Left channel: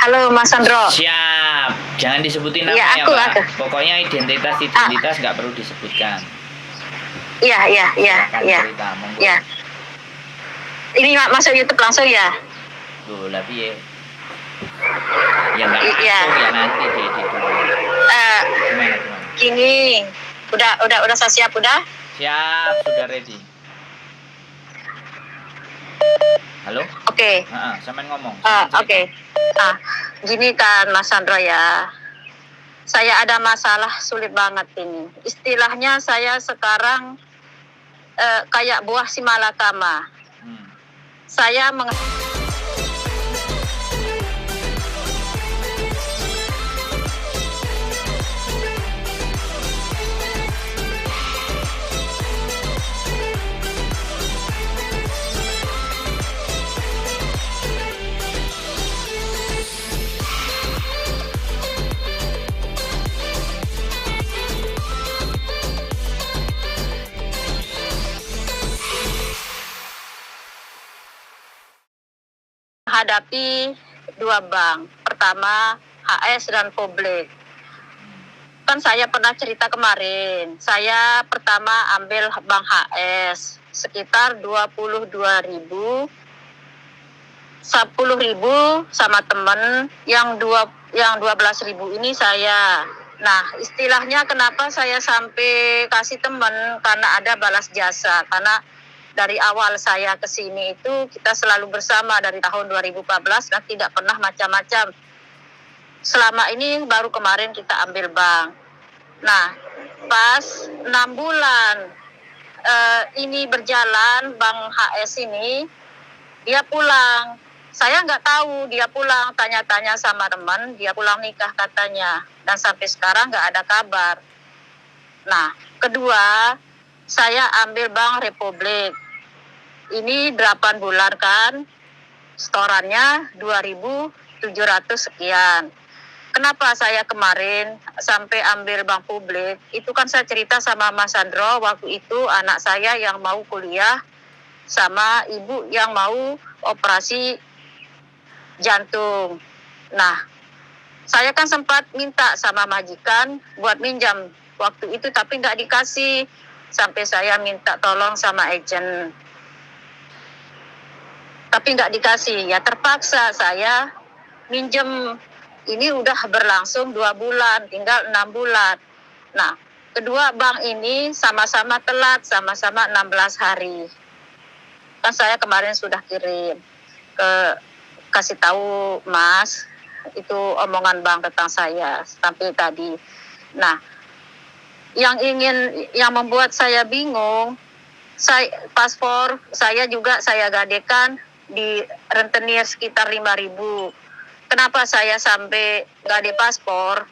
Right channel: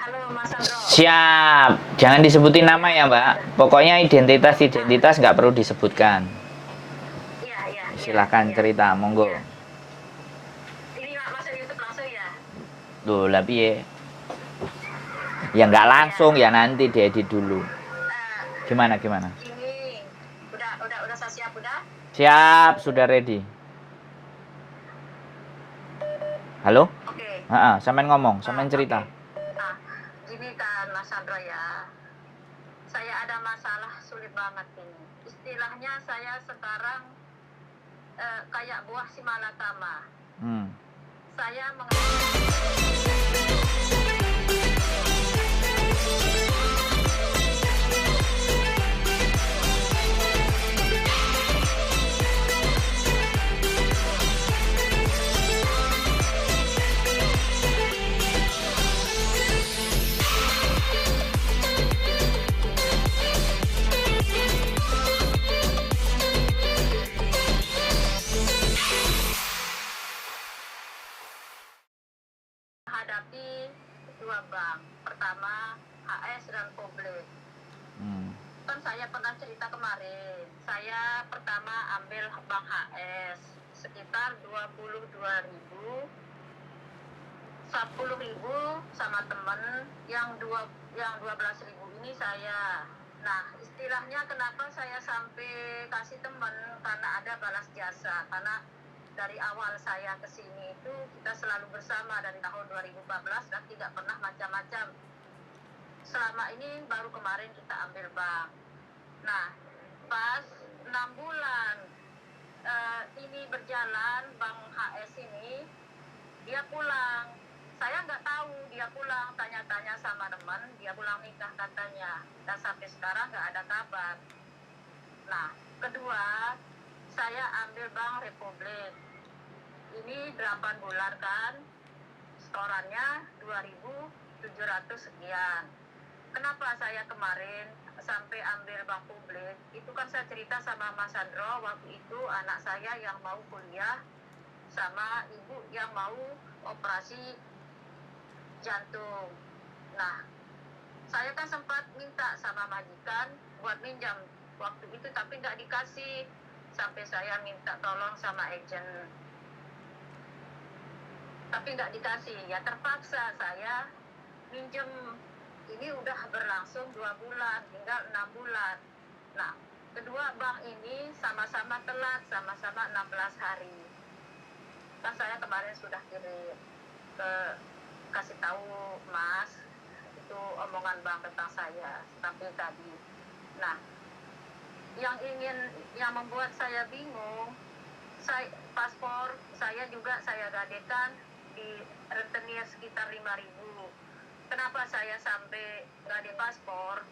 Halo Mas Sandro. Siap, jangan disebutin nama ya Mbak. Aku. Pokoknya identitas nggak perlu disebutkan. Iya. Silakan cerita, monggo. Ya. Ini masuk YouTube langsung ya? Loh, lah piye? Ya nggak langsung ya, nanti diedit dulu. Gimana? Gini, udah saya siap udah? Siap, sudah ready. Halo? Oke. Sampean ngomong, sampean cerita. Oke. Gini kan Mas Sandro ya. Saya ada masalah sulit banget ini. Istilahnya saya sekarang kayak buah si malakama. Saya menghadapi dua bank. Pertama HS dan Publik. Kan saya pernah cerita kemarin, saya pertama ambil bank HS sekitar 22.000, 10.000 sama temen, yang 12.000 ini saya. Nah, istilahnya kenapa saya sampai kasih temen, karena ada balas jasa. Karena dari awal saya ke sini itu kita selalu bersama dari tahun 2014 dan tidak pernah macam-macam. Selama ini baru kemarin kita ambil bank. Nah, pas 6 bulan ini berjalan, bank HS ini, dia pulang. Saya nggak tahu dia pulang, tanya-tanya sama teman, dia pulang nikah katanya. Dan sampai sekarang nggak ada kabar. Nah, kedua, saya ambil bank Republik. Ini 8 bulan kan, setorannya 2.700 sekian. Kenapa saya kemarin sampai ambil bank Publik? Itu kan saya cerita sama Mas Sandro, waktu itu anak saya yang mau kuliah sama ibu yang mau operasi jantung. Nah, saya kan sempat minta sama majikan buat minjam waktu itu, tapi nggak dikasih. Sampai saya minta tolong sama agent, tapi nggak dikasih. Ya terpaksa saya minjem. Ini udah berlangsung 2 bulan, tinggal 6 bulan. Nah, kedua bank ini sama-sama telat, sama-sama 16 hari. Kan saya kemarin sudah kirim kasih tahu Mas, itu omongan bank tentang saya sampai tadi. Nah, yang membuat saya bingung, paspor saya juga saya gadekan di rentenir sekitar 5.000. Kenapa saya sampai gade paspor?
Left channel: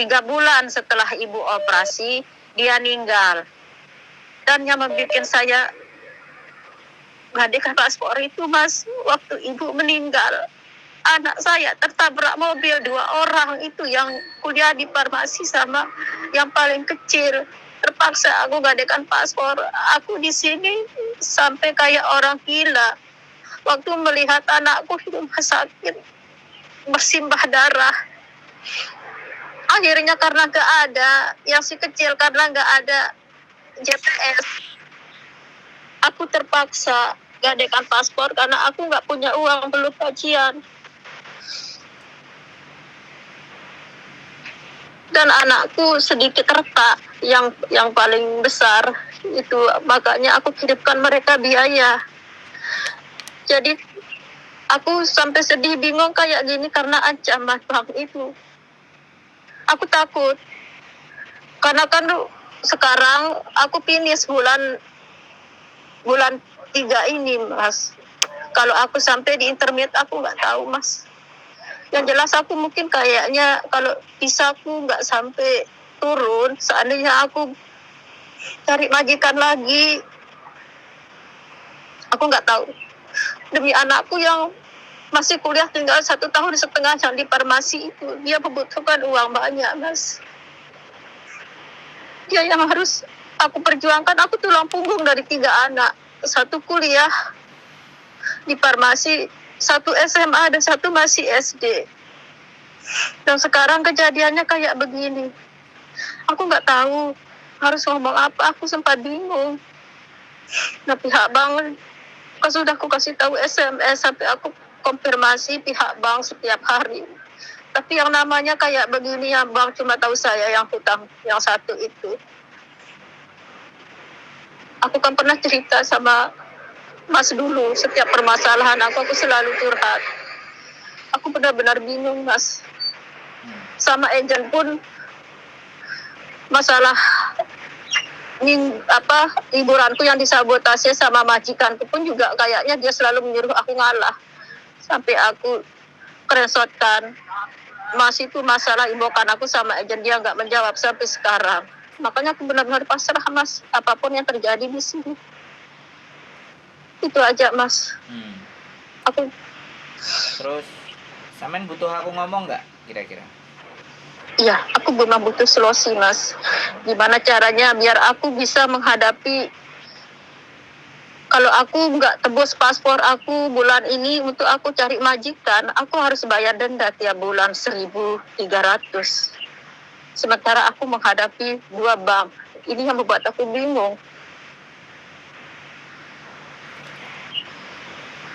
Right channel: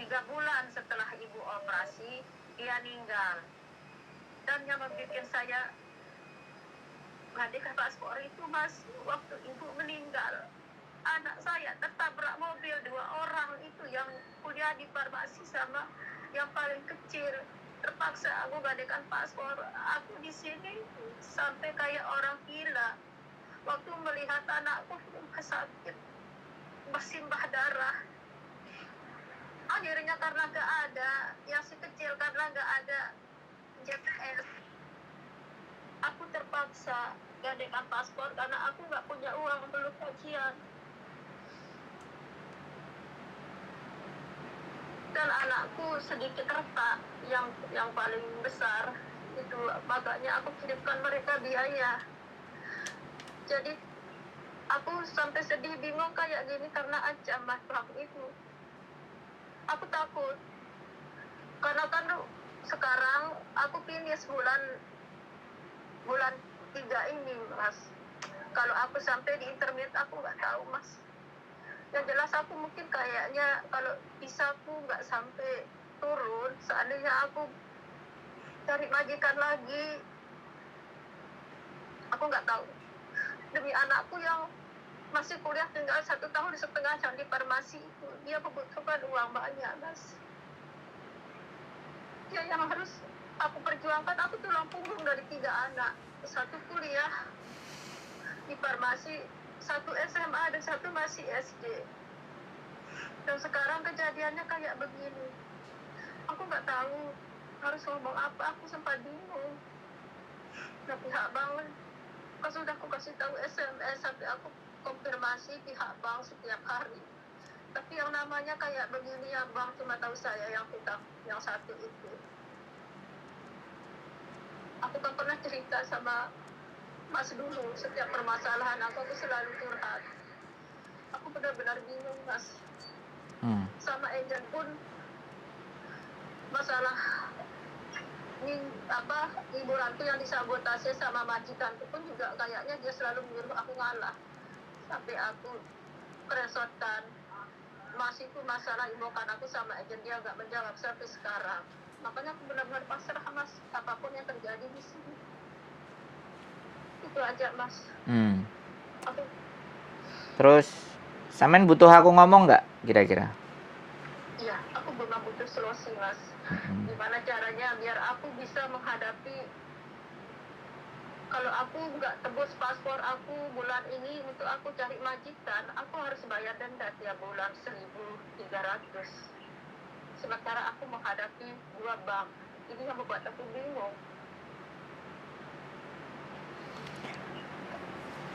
3 bulan setelah ibu operasi, dia meninggal. Dan yang membuat saya gadekan paspor itu, Mas, waktu ibu meninggal, anak saya tertabrak mobil, 2 orang itu yang kuliah di farmasi sama yang paling kecil. Terpaksa aku gadekan paspor. Aku di sini sampai kayak orang gila. Waktu melihat anakku di rumah sakit bersimbah darah. Akhirnya karena gak ada, yang si kecil karena gak ada JPS, aku terpaksa gadekan paspor karena aku gak punya uang, belum gajian. Dan anakku sedikit retak, yang paling besar itu, makanya aku kirimkan mereka biaya. Jadi aku sampai sedih, bingung kayak gini karena ancaman bank itu. Aku takut. Karena kan sekarang aku finish bulan 3 ini, Mas. Kalau aku sampai di intermediate aku nggak tahu, Mas. Yang jelas aku mungkin kayaknya kalau bisa aku nggak sampai turun. Seandainya aku cari majikan lagi, aku nggak tahu. Demi anakku yang masih kuliah tinggal 1,5 tahun yang di farmasi itu, dia membutuhkan uang banyak, Mas. Dia yang harus aku perjuangkan. Aku tulang punggung dari 3 anak. 1 kuliah di farmasi, 1 SMA dan 1 masih SD. Dan sekarang kejadiannya kayak begini. Aku nggak tahu harus ngomong apa, aku sempat bingung. Nah, pihak bank, sudah aku kasih tahu SMS sampai aku konfirmasi pihak bank setiap hari. Tapi yang namanya kayak begini, yang bank cuma tahu saya yang hutang yang satu itu. Aku kan pernah cerita sama Mas dulu, setiap permasalahan aku selalu curhat. Aku benar-benar bingung, Mas. Sama agent pun masalah liburanku yang disabotase sama majikanku pun juga kayaknya dia selalu menyuruh aku ngalah. Sampai aku keresotkan. Mas itu masalah imbokan aku sama agent, dia nggak menjawab sampai sekarang. Makanya aku benar-benar pasrah, Mas, apapun yang terjadi di sini. Itu aja, Mas. Aku. Terus, sampean butuh aku ngomong nggak kira-kira? Iya, aku memang butuh solusi, Mas. Gimana caranya biar aku bisa menghadapi, kalau aku nggak tebus paspor aku bulan ini untuk aku cari majikan, aku harus bayar denda tiap bulan 1.300. Sementara aku menghadapi 2 bank. Ini yang membuat aku bingung.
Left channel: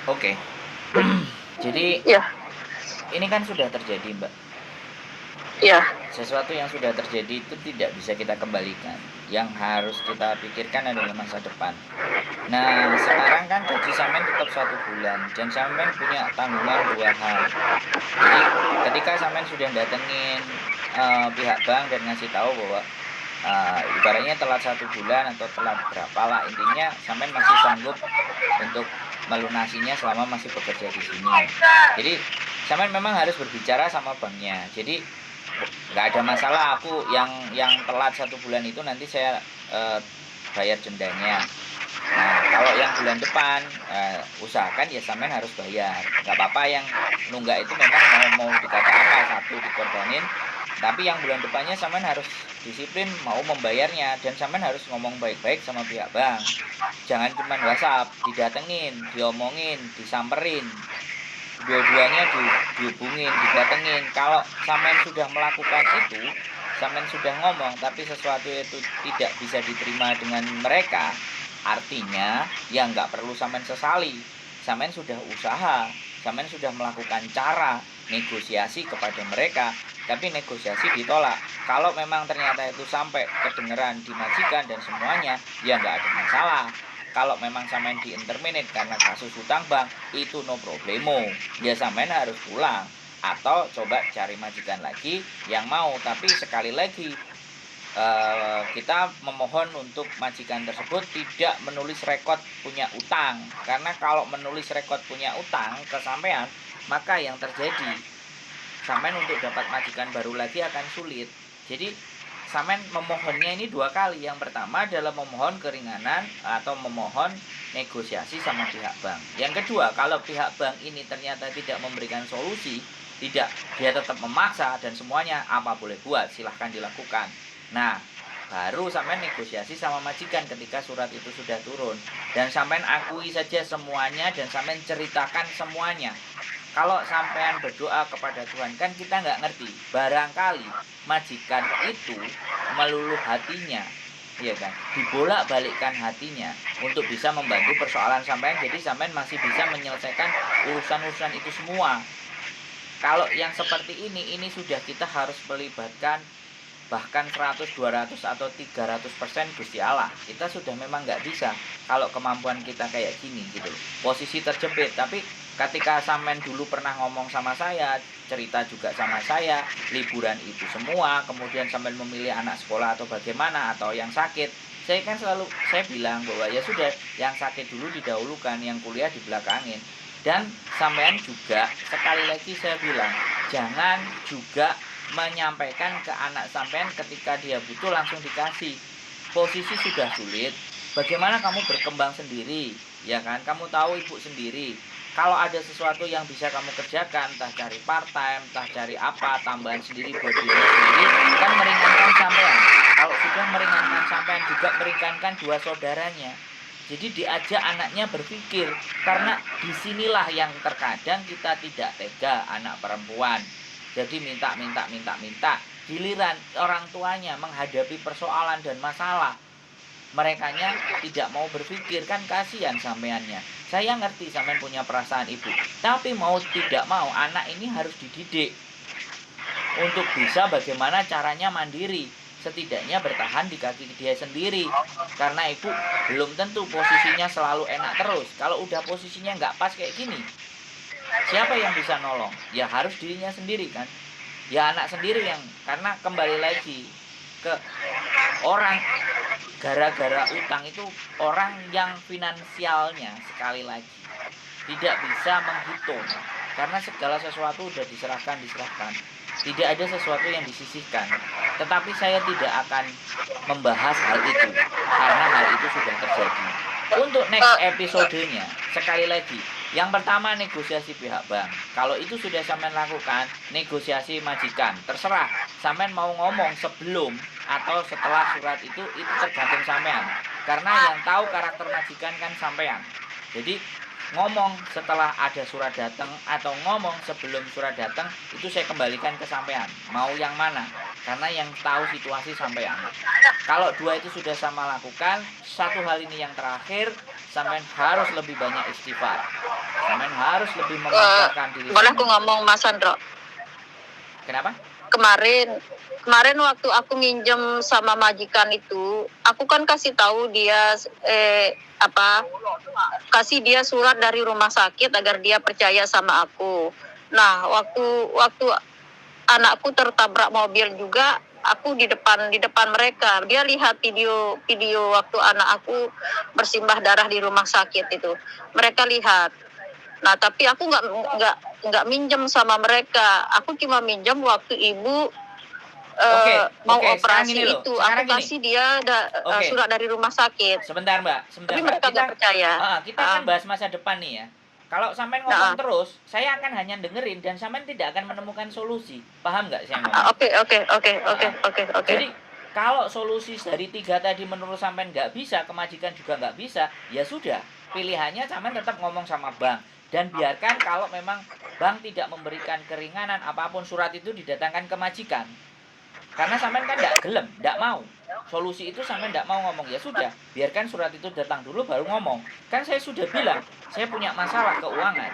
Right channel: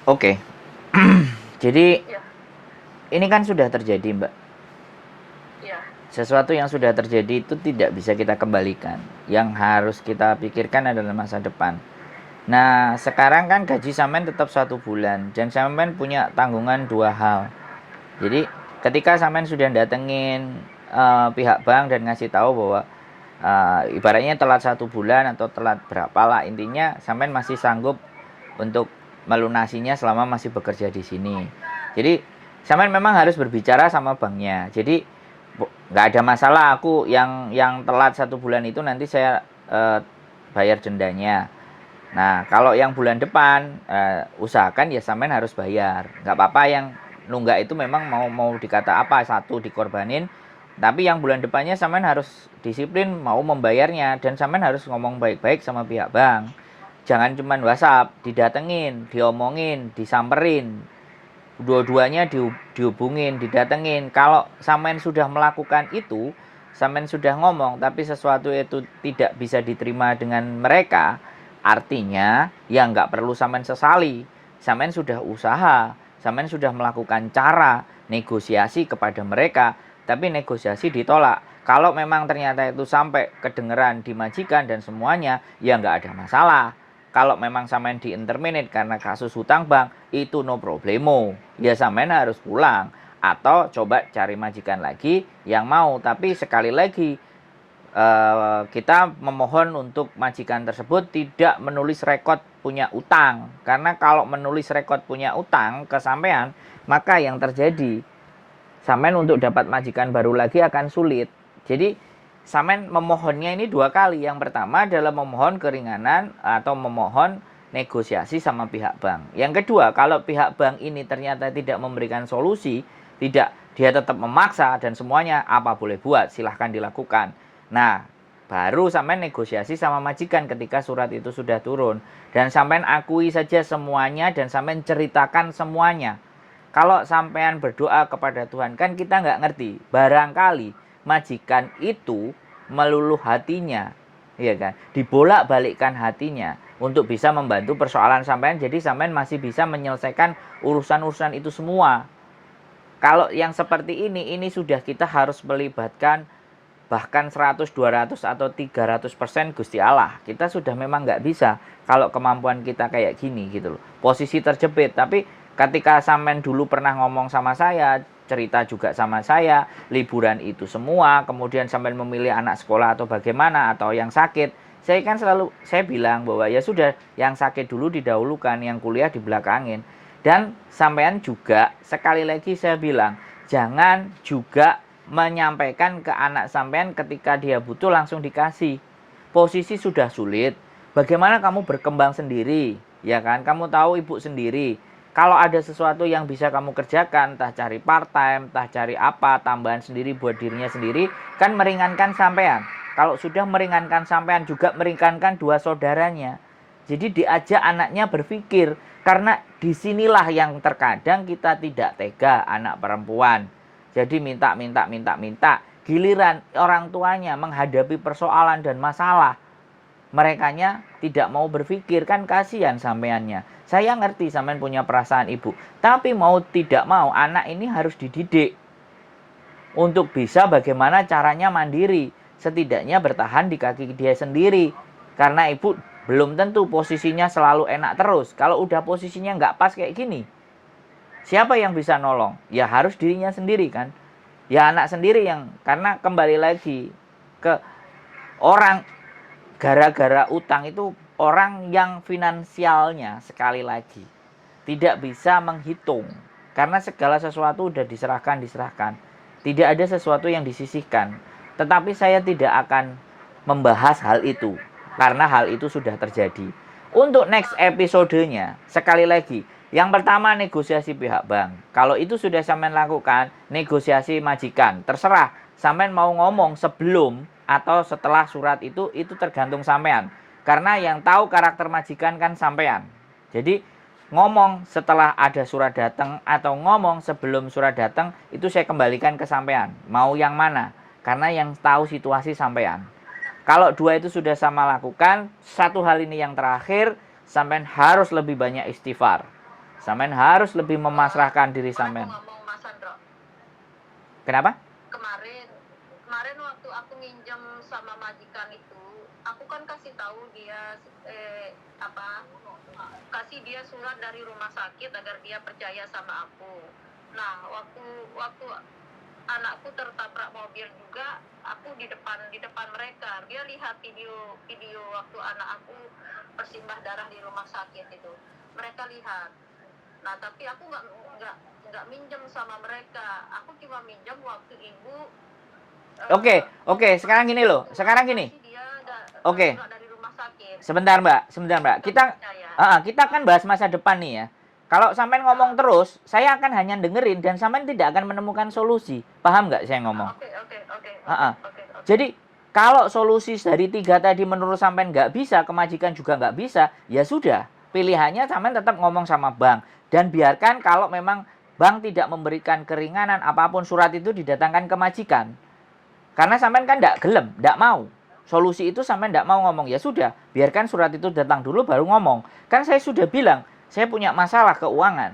Oke. Jadi, Ya. Ini kan sudah terjadi, Mbak. Ya. Sesuatu yang sudah terjadi itu tidak bisa kita kembalikan. Yang harus kita pikirkan adalah masa depan. Nah, sekarang kan gaji sampean tetap 1 bulan. Dan sampean punya tanggungan 2 hal. Jadi, ketika sampean sudah datengin pihak bank dan ngasih tahu bahwa ibaratnya telat 1 bulan atau telat berapa lah, intinya sampean masih sanggup untuk melunasinya selama masih bekerja di sini. Jadi sampean memang harus berbicara sama banknya. Jadi nggak ada masalah, aku yang telat 1 bulan itu nanti saya bayar dendanya. Nah, kalau yang bulan depan usahakan ya sampean harus bayar. Nggak apa-apa yang nunggak itu memang mau dikata apa, satu dikorbanin. Tapi yang bulan depannya sampean harus disiplin mau membayarnya, dan sampean harus ngomong baik-baik sama pihak bank. Jangan cuma WhatsApp, didatengin, diomongin, disamperin. Dua-duanya dihubungin, didatengin. Kalau sampean sudah melakukan itu, sampean sudah ngomong, tapi sesuatu itu tidak bisa diterima dengan mereka, artinya ya nggak perlu sampean sesali. Sampean sudah usaha, sampean sudah melakukan cara negosiasi kepada mereka, tapi negosiasi ditolak. Kalau memang ternyata itu sampai kedengeran di majikan dan semuanya, ya nggak ada masalah. Kalau memang sampean di-interminate karena kasus hutang bank, itu no problemo. Ya sampean harus pulang atau coba cari majikan lagi yang mau. Tapi sekali lagi kita memohon untuk majikan tersebut tidak menulis rekod punya utang. Karena kalau menulis rekod punya utang ke sampean, maka yang terjadi sampean untuk dapat majikan baru lagi akan sulit. Jadi sampean memohonnya ini 2 kali. Yang pertama adalah memohon keringanan atau memohon negosiasi sama pihak bank. Yang kedua, kalau pihak bank ini ternyata tidak memberikan solusi, dia tetap memaksa dan semuanya, apa boleh buat, silahkan dilakukan. Nah, baru sampean negosiasi sama majikan ketika surat itu sudah turun. Dan sampean akui saja semuanya dan sampean ceritakan semuanya. Kalau sampean berdoa kepada Tuhan, kan kita nggak ngerti. Barangkali majikan itu meluluh hatinya, ya kan? Dibolak-balikkan hatinya untuk bisa membantu persoalan sampean. Jadi sampean masih bisa menyelesaikan urusan-urusan itu semua. Kalau yang seperti ini sudah kita harus melibatkan bahkan 100, 200 atau 300% Gusti Allah. Kita sudah memang nggak bisa kalau kemampuan kita kayak gini gitu loh. Posisi terjepit. Tapi ketika sampean dulu pernah ngomong sama saya, cerita juga sama saya, liburan itu semua, kemudian sampean memilih anak sekolah atau bagaimana, atau yang sakit, saya kan selalu saya bilang bahwa ya sudah, yang sakit dulu didahulukan, yang kuliah dibelakangin. Dan sampean juga sekali lagi saya bilang, jangan juga menyampaikan ke anak sampean ketika dia butuh langsung dikasih. Posisi sudah sulit, bagaimana kamu berkembang sendiri, ya kan? Kamu tahu ibu sendiri. Kalau ada sesuatu yang bisa kamu kerjakan, entah cari part time, entah cari apa, tambahan sendiri buat dirinya sendiri, kan meringankan sampean. Kalau sudah meringankan sampean, juga meringankan 2 saudaranya. Jadi diajak anaknya berpikir, karena disinilah yang terkadang kita tidak tega, anak perempuan. Jadi minta. Giliran orang tuanya menghadapi persoalan dan masalah, merekanya tidak mau berpikir, kan kasihan sampeannya. Saya ngerti sampean punya perasaan ibu, tapi mau tidak mau anak ini harus dididik untuk bisa bagaimana caranya mandiri, setidaknya bertahan di kaki dia sendiri. Karena ibu belum tentu posisinya selalu enak terus. Kalau udah posisinya nggak pas kayak gini, siapa yang bisa nolong? Ya harus dirinya sendiri kan. Ya anak sendiri yang, karena kembali lagi ke orang, gara-gara utang itu orang yang finansialnya sekali lagi tidak bisa menghitung, karena segala sesuatu udah diserahkan. Tidak ada sesuatu yang disisihkan. Tetapi saya tidak akan membahas hal itu karena hal itu sudah terjadi. Untuk next episodenya, sekali lagi, yang pertama negosiasi pihak bank. Kalau itu sudah sampean lakukan, negosiasi majikan. Terserah sampean mau ngomong sebelum atau setelah surat itu tergantung sampean. Karena yang tahu karakter majikan kan sampean. Jadi ngomong setelah ada surat datang atau ngomong sebelum surat datang, itu saya kembalikan ke sampean. Mau yang mana? Karena yang tahu situasi sampean. Kalau dua itu sudah sama lakukan, satu hal ini yang terakhir, sampean harus lebih banyak istighfar. Sampean harus lebih memasrahkan diri boleh sampean. aku ngomong Mas Andro? Kenapa? Kemarin waktu aku minjem sama majikan itu, aku kan kasih tahu dia kasih dia surat dari rumah sakit agar dia percaya sama aku. Nah, waktu anakku tertabrak mobil juga, aku di depan mereka. Dia lihat video waktu anak aku bersimbah darah di rumah sakit itu. Mereka lihat. Nah, tapi aku nggak minjem sama mereka. Aku cuma minjem waktu ibu Oke, sekarang gini loh. itu. Sekarang aku gini. kasih dia surat dari rumah sakit. Sebentar Mbak. Kita kan bahas masa depan nih ya. Kalau sampean ngomong terus, saya akan hanya dengerin dan sampean tidak akan menemukan solusi. Paham nggak saya ngomong? Oke. Jadi kalau solusi dari 3 tadi menurut sampean nggak bisa, kemajikan juga nggak bisa, ya sudah. Pilihannya sampean tetap ngomong sama bank. Dan biarkan kalau memang bank tidak memberikan keringanan apapun, surat itu didatangkan ke majikan. Karena sampean kan nggak gelem, nggak mau. Solusi itu sampean nggak mau ngomong, ya sudah. Biarkan surat itu datang dulu baru ngomong. Kan saya sudah bilang, saya punya masalah keuangan.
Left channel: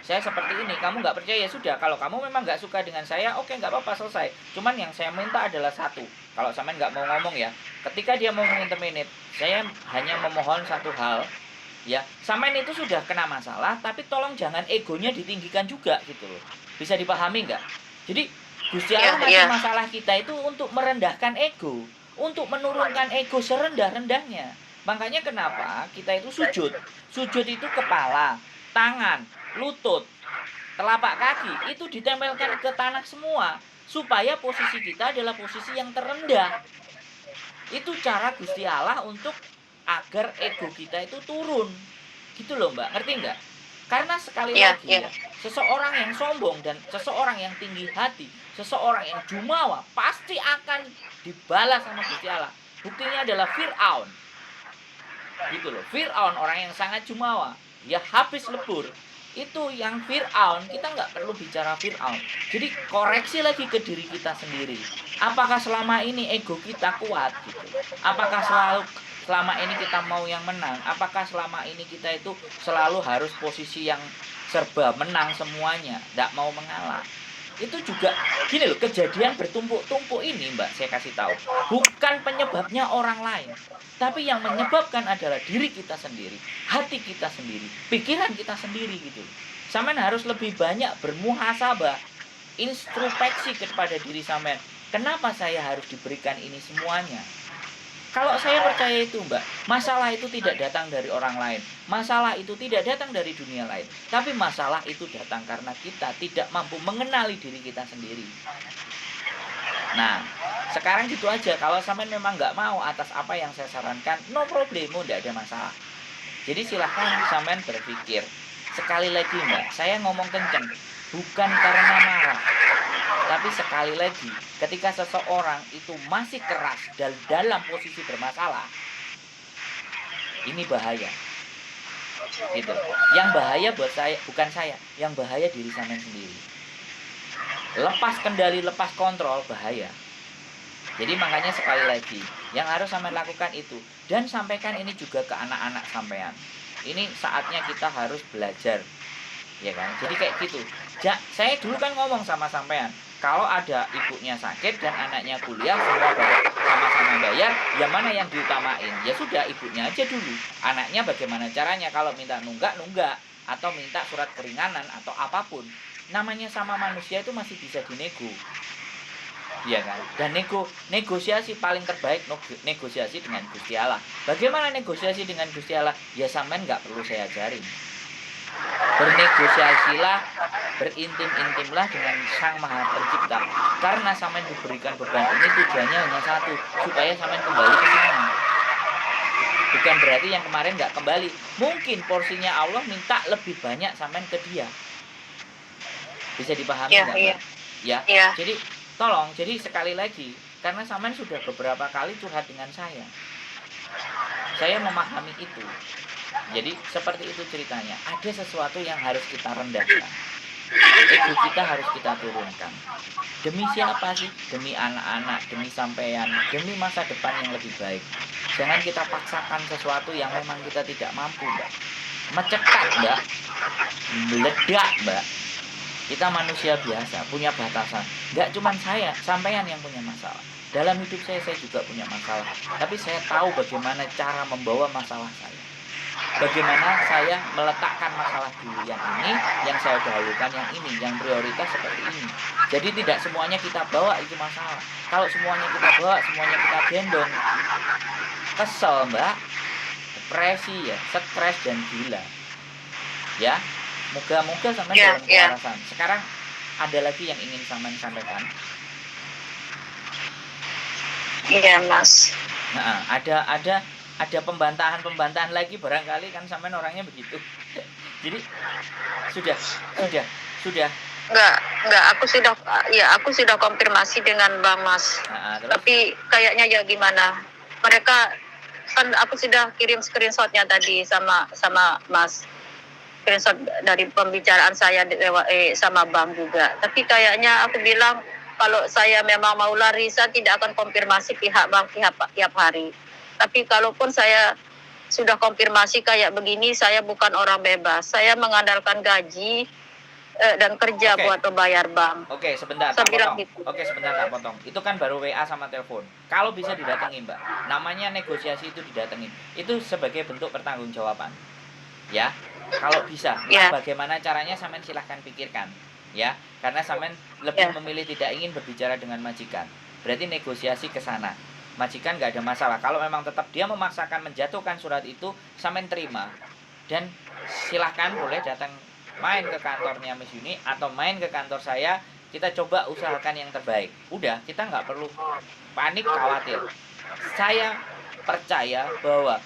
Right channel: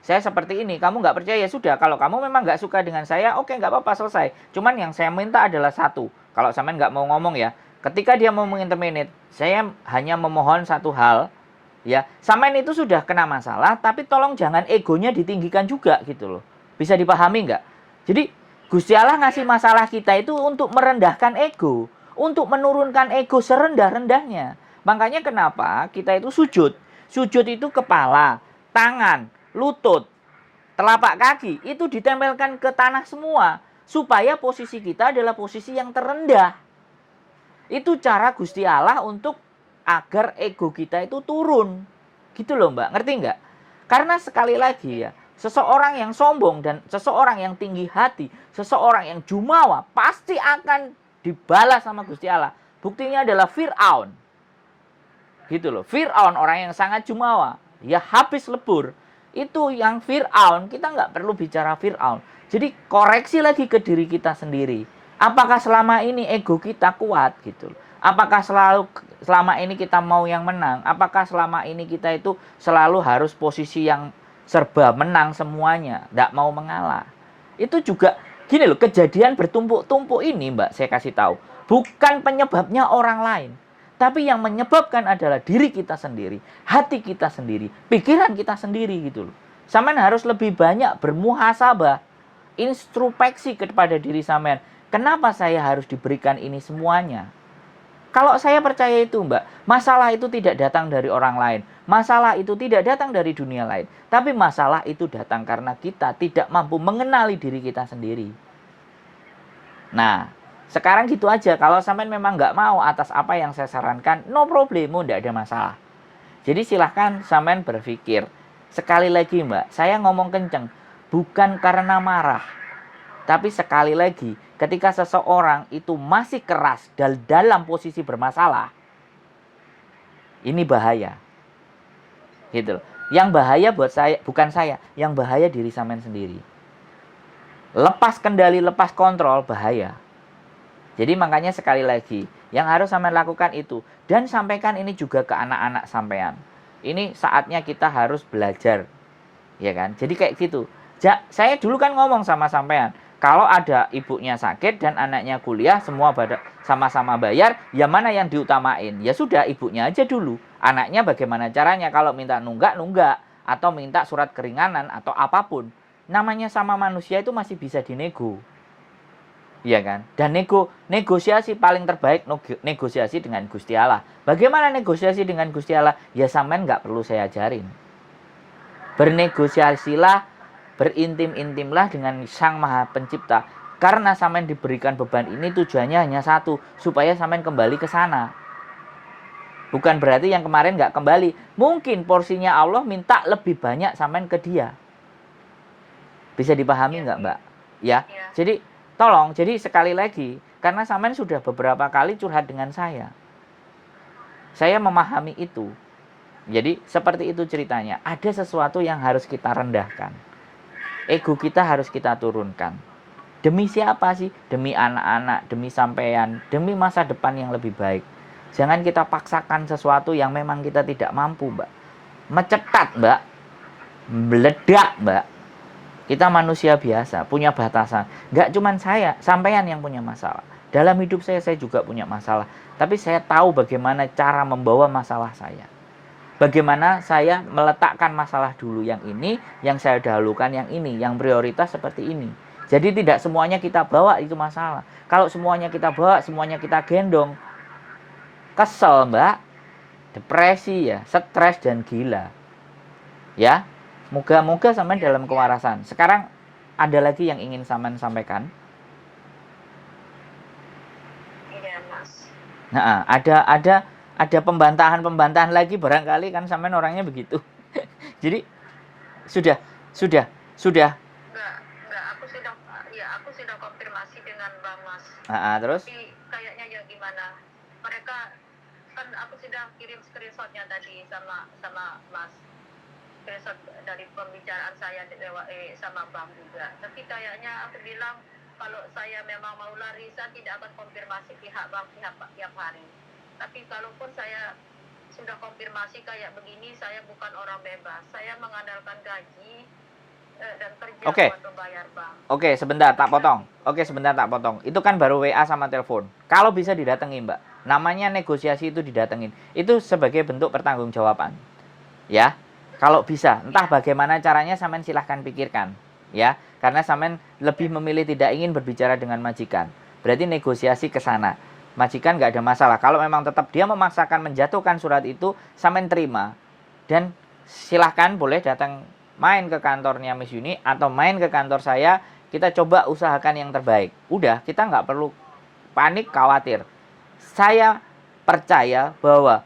Saya seperti ini, kamu nggak percaya, ya sudah. Kalau kamu memang nggak suka dengan saya, oke, nggak apa-apa, selesai. Cuman yang saya minta adalah satu. Kalau sampean nggak mau ngomong ya, ketika dia mau menginterminate, saya hanya memohon satu hal, ya. Sampean itu sudah kena masalah, tapi tolong jangan egonya ditinggikan juga gitu loh. Bisa dipahami nggak? Jadi Gusti Allah ngasih masalah kita itu untuk merendahkan ego, untuk menurunkan ego serendah-rendahnya. Makanya kenapa kita itu sujud. Sujud itu kepala, tangan, lutut, telapak kaki itu ditempelkan ke tanah semua supaya posisi kita adalah posisi yang terendah. Itu cara Gusti Allah untuk agar ego kita itu turun. Gitu loh Mbak, ngerti nggak? Karena sekali lagi ya, seseorang yang sombong dan seseorang yang tinggi hati, seseorang yang jumawa pasti akan dibalas sama Gusti Allah. Buktinya adalah Fir'aun. Gitu loh, Fir'aun orang yang sangat jumawa, ya habis lebur. Itu yang Fir'aun, kita nggak perlu bicara Fir'aun. Jadi koreksi lagi ke diri kita sendiri. Apakah selama ini ego kita kuat gitu? Apakah selama ini kita mau yang menang? Apakah selama ini kita itu selalu harus posisi yang serba menang semuanya, nggak mau mengalah? Itu juga gini loh, kejadian bertumpuk-tumpuk ini Mbak, saya kasih tahu, bukan penyebabnya orang lain. Tapi yang menyebabkan adalah diri kita sendiri, hati kita sendiri, pikiran kita sendiri gitu loh. Sampean harus lebih banyak bermuhasabah, introspeksi kepada diri sampean. Kenapa saya harus diberikan ini semuanya? Kalau saya percaya itu Mbak, masalah itu tidak datang dari orang lain. Masalah itu tidak datang dari dunia lain. Tapi masalah itu datang karena kita tidak mampu mengenali diri kita sendiri. Nah, sekarang gitu aja. Kalau sampean memang nggak mau atas apa yang saya sarankan, no problemo, nggak ada masalah. Jadi silahkan sampean berpikir. Sekali lagi Mbak, saya ngomong kenceng, bukan karena marah. Tapi sekali lagi, ketika seseorang itu masih keras dan dalam posisi bermasalah, ini bahaya. Gitu. Yang bahaya buat saya, bukan saya, yang bahaya diri sampean sendiri. Lepas kendali, lepas kontrol, bahaya. Jadi makanya sekali lagi, yang harus sampean lakukan itu. Dan sampaikan ini juga ke anak-anak sampean. Ini saatnya kita harus belajar. Ya kan? Jadi kayak gitu. Saya dulu kan ngomong sama sampean, kalau ada ibunya sakit dan anaknya kuliah, semua sama-sama bayar, ya mana yang diutamain? Ya sudah, ibunya aja dulu. Anaknya bagaimana caranya? Kalau minta nunggak, atau minta surat keringanan, atau apapun. Namanya sama manusia itu masih bisa dinego. Iya kan? Dan negosiasi paling terbaik negosiasi dengan Gusti Allah. Bagaimana negosiasi dengan Gusti Allah? Ya sampean nggak perlu saya ajarin. Bernegosiasilah, berintim-intimlah dengan Sang Maha Pencipta. Karena sampean diberikan beban ini tujuannya hanya satu, supaya sampean kembali ke sana. Bukan berarti yang kemarin nggak kembali. Mungkin porsinya Allah minta lebih banyak sampean ke dia. Bisa dipahami nggak, Mbak? Ya. Jadi tolong, jadi sekali lagi, karena sampean sudah beberapa kali curhat dengan saya. Saya memahami itu. Jadi seperti itu ceritanya. Ada sesuatu yang harus kita rendahkan. Ego kita harus kita turunkan. Demi siapa sih? Demi anak-anak, demi sampean, demi masa depan yang lebih baik. Jangan kita paksakan sesuatu yang memang kita tidak mampu, Mbak. Mecekat, Mbak. Meledak, Mbak. Kita manusia biasa, punya batasan. Nggak cuma saya, sampean yang punya masalah. Dalam hidup saya juga punya masalah. Tapi saya tahu bagaimana cara membawa masalah saya. Bagaimana saya meletakkan masalah dulu yang ini, yang saya dahulukan yang ini, yang prioritas seperti ini. Jadi tidak semuanya kita bawa itu masalah. Kalau semuanya kita bawa, semuanya kita gendong, kesel, Mbak. Depresi ya, stres dan gila. Ya. Moga-moga sampean dalam kewarasan. Sekarang ada lagi yang ingin sampean sampaikan? Iya, Mas. Nah, ada pembantahan lagi barangkali kan sampean orangnya begitu. Jadi sudah. Enggak, aku sudah konfirmasi dengan Bang Mas. Terus? Tapi kayaknya ya gimana? Mereka kan aku sudah kirim screenshotnya tadi sama Mas. Screenshot dari pembicaraan saya sama Bang juga. Tapi kayaknya aku bilang kalau saya memang mau lari, saya tidak akan konfirmasi pihak Bang tiap hari. Tapi kalaupun saya sudah konfirmasi kayak begini, saya bukan orang bebas. Saya mengandalkan gaji dan kerja buat membayar Bang. Oke, sebentar tak potong. Sebentar tak potong. Itu kan baru WA sama telepon. Kalau bisa didatengin, Mbak. Namanya negosiasi itu didatengin. Itu sebagai bentuk pertanggungjawaban. Ya. Kalau bisa, entah bagaimana caranya sampean silahkan pikirkan, ya. Karena sampean lebih memilih tidak ingin berbicara dengan majikan. Berarti negosiasi ke sana. Majikan nggak ada masalah. Kalau memang tetap dia memaksakan menjatuhkan surat itu, sampean terima. Dan silahkan boleh datang main ke kantornya Miss Yuni atau main ke kantor saya. Kita coba usahakan yang terbaik. Udah, kita nggak perlu panik, khawatir. Saya percaya bahwa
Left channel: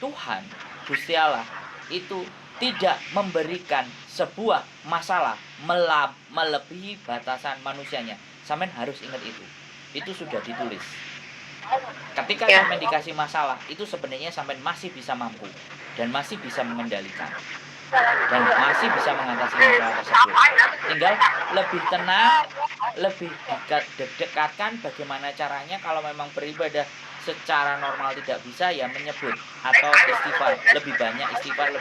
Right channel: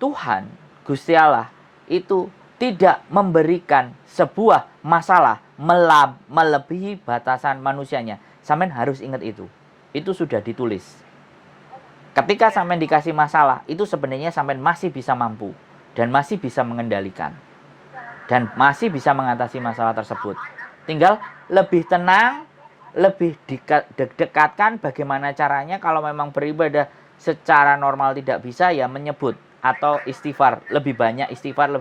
Tuhan, Gusti Allah, itu tidak memberikan sebuah masalah melebihi batasan manusianya. Sampean harus ingat itu. Itu sudah ditulis. Ketika sampean dikasih masalah, itu sebenarnya sampean masih bisa mampu dan masih bisa mengendalikan dan masih bisa mengatasi masalah tersebut. Tinggal lebih tenang, lebih dekatkan bagaimana caranya. Kalau memang beribadah secara normal tidak bisa, ya menyebut atau istighfar, lebih banyak istighfar.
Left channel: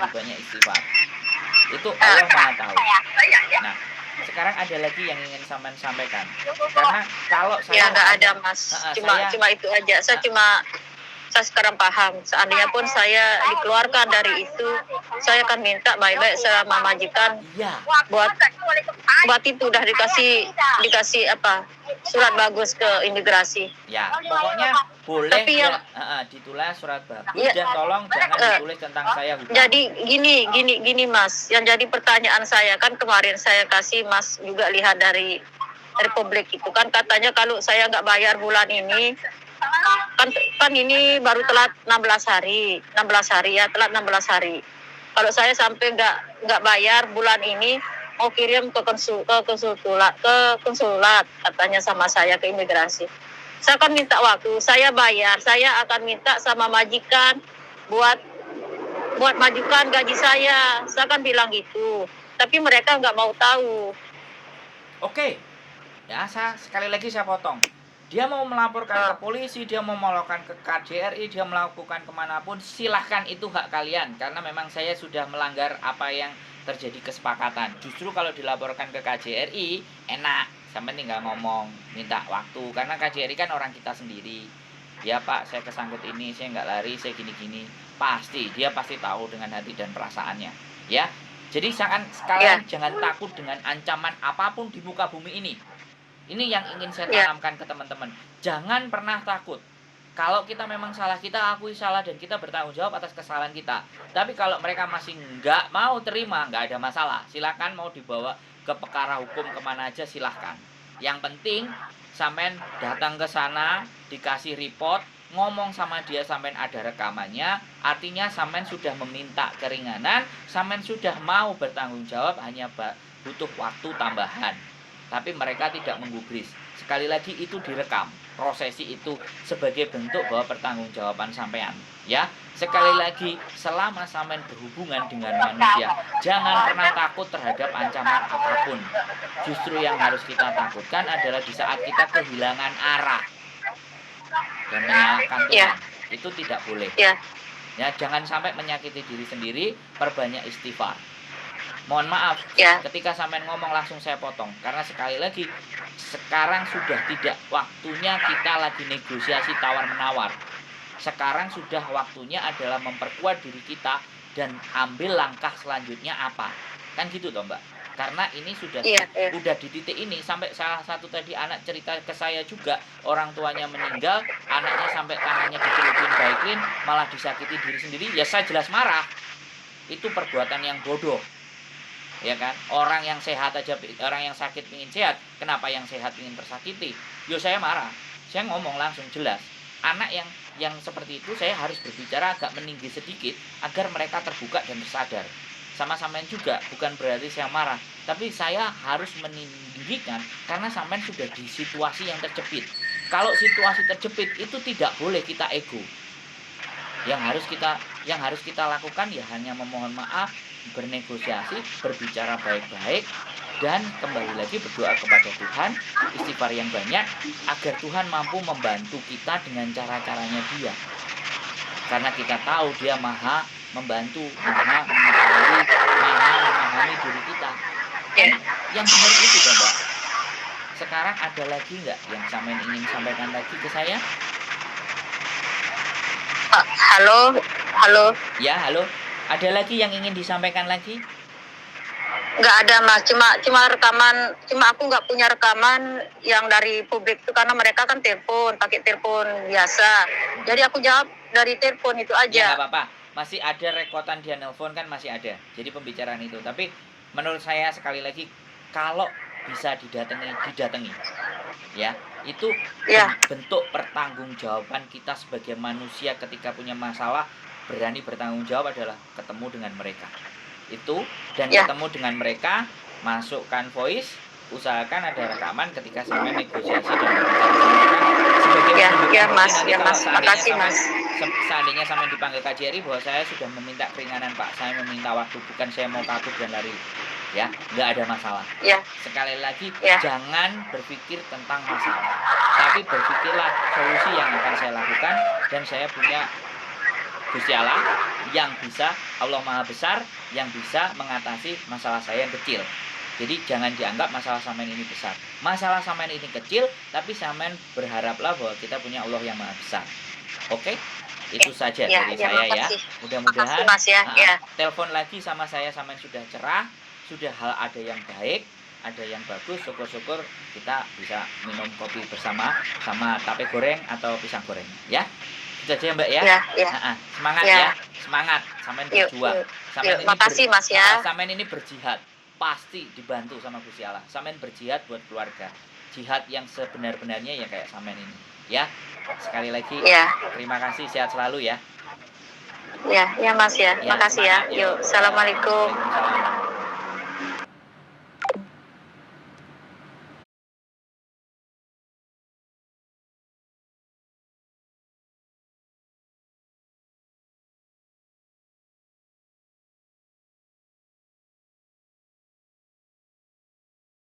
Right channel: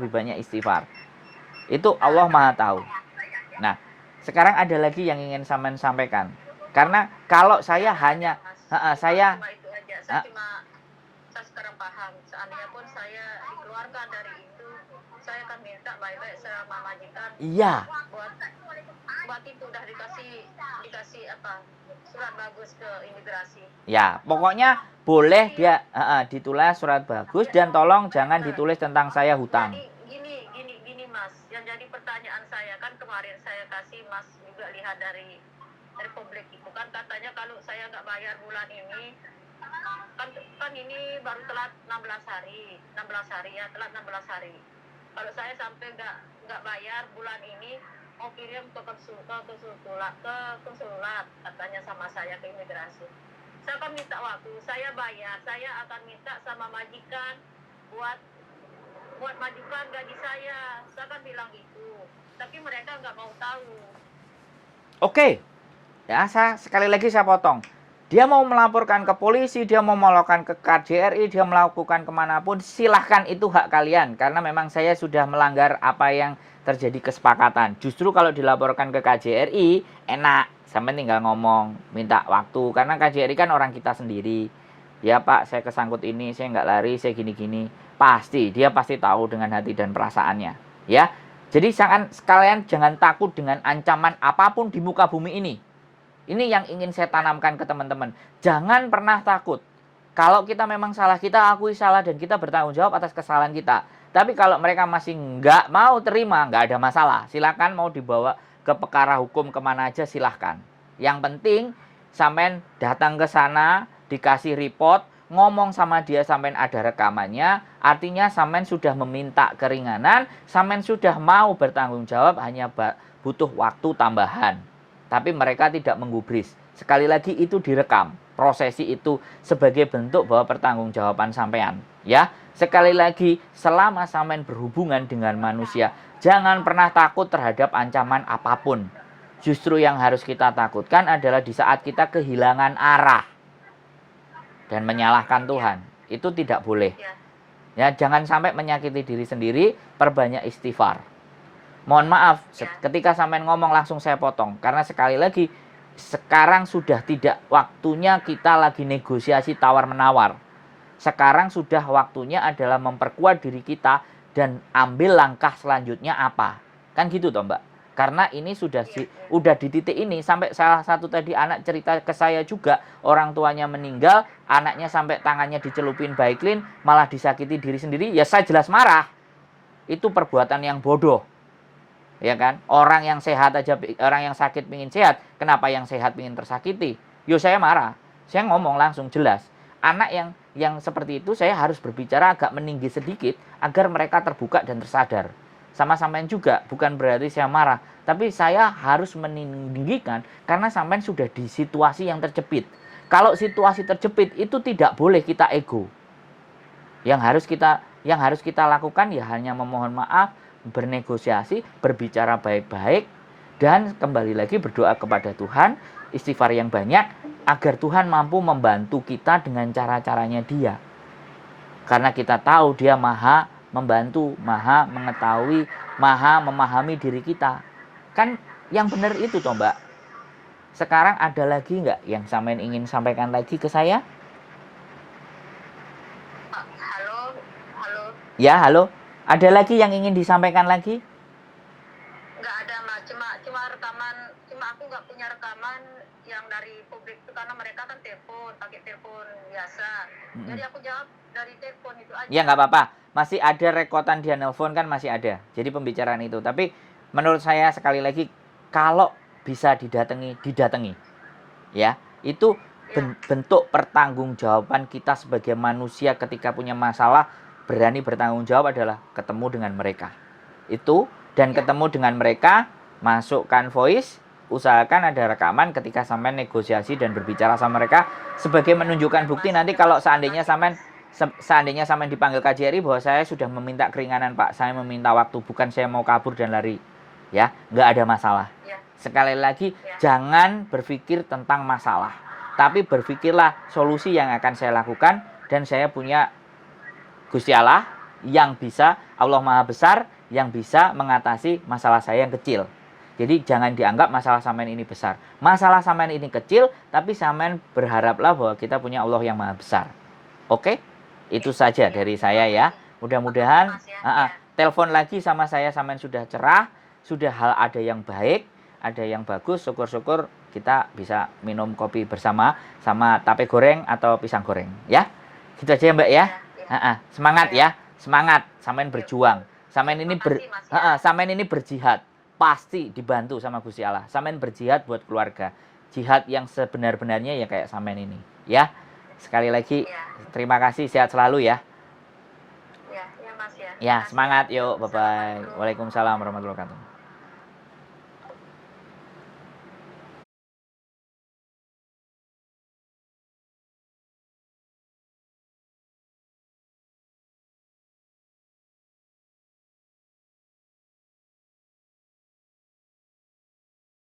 Itu Allah Maha tahu. Nah, sekarang ada lagi yang ingin sampean sampaikan. Karena kalau saya hanya cuma itu aja. Saya sekarang paham. Seandainya pun saya dikeluarkan dari itu, saya akan minta baik-baik sama majikan. Iya. Buat itu udah dikasih apa? Surat bagus ke imigrasi. Ya, pokoknya boleh ya ditulis surat bagus dan tolong jangan ditulis tentang saya hutang. Jadi gini Mas, yang jadi pertanyaan saya kan kemarin saya kasih Mas juga lihat dari Republik itu kan katanya kalau saya nggak bayar bulan ini kan ini baru telat 16 hari ya, telat 16 hari. Kalau saya sampai nggak bayar bulan ini mau kirim ke konsulat katanya sama saya ke imigrasi. Saya akan minta waktu, saya bayar, saya akan minta sama majikan buat majukan gaji saya akan bilang gitu. Tapi mereka nggak mau tahu. Oke. ya sekali lagi saya potong. Dia mau melaporkan ke polisi, dia mau melaporkan ke KJRI, dia melakukan kemanapun, silahkan, itu hak kalian. Karena memang saya sudah melanggar apa yang terjadi kesepakatan. Justru kalau dilaporkan ke KJRI, enak, sampai tinggal ngomong, minta waktu. Karena KJRI kan orang kita sendiri. Ya Pak, saya kesangkut ini, saya nggak lari, saya gini-gini. Dia pasti tahu dengan hati dan perasaannya. Ya, jadi sekalian jangan takut dengan ancaman apapun di muka bumi ini. Ini yang ingin saya tanamkan ke teman-teman. Jangan pernah takut. Kalau kita memang salah, kita akui salah dan kita bertanggung jawab atas kesalahan kita. Tapi kalau mereka masih nggak mau terima, nggak ada masalah. Silakan mau dibawa ke perkara hukum kemana aja, silahkan. Yang penting sampean datang ke sana, dikasih report, ngomong sama dia, sampean ada rekamannya. Artinya sampean sudah meminta keringanan, sampean sudah mau bertanggung jawab, hanya butuh waktu tambahan. Tapi mereka tidak menggubris. Sekali lagi itu direkam. Prosesi itu sebagai bentuk bahwa pertanggungjawaban sampean. Ya, sekali lagi, selama sampean berhubungan dengan manusia, jangan pernah takut terhadap ancaman apapun. Justru yang harus kita takutkan adalah di saat kita kehilangan arah dan menyalahkan Tuhan. Itu tidak boleh. Ya, jangan sampai menyakiti diri sendiri, perbanyak istighfar. Mohon maaf, ketika sampean ngomong langsung saya potong. Karena sekali lagi, sekarang sudah tidak waktunya kita lagi negosiasi tawar-menawar. Sekarang sudah waktunya adalah memperkuat diri kita dan ambil langkah selanjutnya apa. Kan gitu toh Mbak. Karena ini sudah di titik ini. Sampai salah satu tadi anak cerita ke saya juga, orang tuanya meninggal, anaknya sampai tangannya dicelupin Baiklin, malah disakiti diri sendiri. Ya saya jelas marah. Itu perbuatan yang bodoh. Ya kan, orang yang sehat aja, orang yang sakit ingin sehat, kenapa yang sehat ingin tersakiti? Yo saya marah, saya ngomong langsung jelas. Anak yang seperti itu saya harus berbicara agak meninggi sedikit agar mereka terbuka dan tersadar. Sama sampean juga, bukan berarti saya marah, tapi saya harus meninggikan karena sampean sudah di situasi yang terjepit. Kalau situasi terjepit itu tidak boleh kita ego. Yang harus kita lakukan ya hanya memohon maaf, bernegosiasi, berbicara baik-baik, dan kembali lagi berdoa kepada Tuhan, istighfar yang banyak, agar Tuhan mampu membantu kita dengan cara-caranya Dia. Karena kita tahu Dia maha membantu, maha mengetahui, maha memahami diri kita. Kan yang benar itu toh Mbak. Sekarang ada lagi nggak yang sampean ingin sampaikan lagi ke saya? Halo. Ya, halo. Ada lagi yang ingin disampaikan lagi? Nggak ada Mas, cuma rekaman, cuma aku nggak punya rekaman yang dari publik itu karena mereka kan pakai telepon biasa. Jadi aku jawab dari telepon itu aja. Ya nggak apa-apa, masih ada rekotan dia nelpon kan, masih ada. Jadi pembicaraan itu. Tapi menurut saya sekali lagi, kalau bisa didatangi. Ya, itu bentuk pertanggungjawaban kita sebagai manusia ketika punya masalah. Berani bertanggung jawab adalah ketemu dengan mereka itu, dan ketemu dengan mereka, masukkan voice, usahakan ada rekaman ketika sampai negosiasi dan berbicara sama mereka sebagai menunjukkan bukti. Nanti kalau seandainya sampai dipanggil KJRI bahwa saya sudah meminta keringanan Pak, saya meminta waktu, bukan saya mau kabur dan lari, ya nggak ada masalah. Sekali lagi, jangan berpikir tentang masalah, tapi berpikirlah solusi yang akan saya lakukan, dan saya punya Gusti Allah yang bisa, Allah Maha Besar, yang bisa mengatasi masalah saya yang kecil. Jadi jangan dianggap masalah sampean ini besar. Masalah sampean ini kecil, tapi sampean berharaplah bahwa kita punya Allah yang Maha Besar. Oke? Itu saja dari saya ya. Mudah-mudahan telepon lagi sama saya, sampean sudah cerah, sudah ada yang baik, ada yang bagus, syukur-syukur kita bisa minum kopi bersama sama tape goreng atau pisang goreng ya. Gitu aja ya Mbak ya. Semangat ya. Semangat, sampean berjuang. Sampean ini berjihad, pasti dibantu sama Gusti Allah. Sampean berjihad buat keluarga. Jihad yang sebenar-benarnya ya kayak sampean ini, ya. Sekali lagi terima kasih, sehat selalu ya. Ya Mas ya. Makasih semangat, ya. Yuk, assalamualaikum. Waalaikumsalam.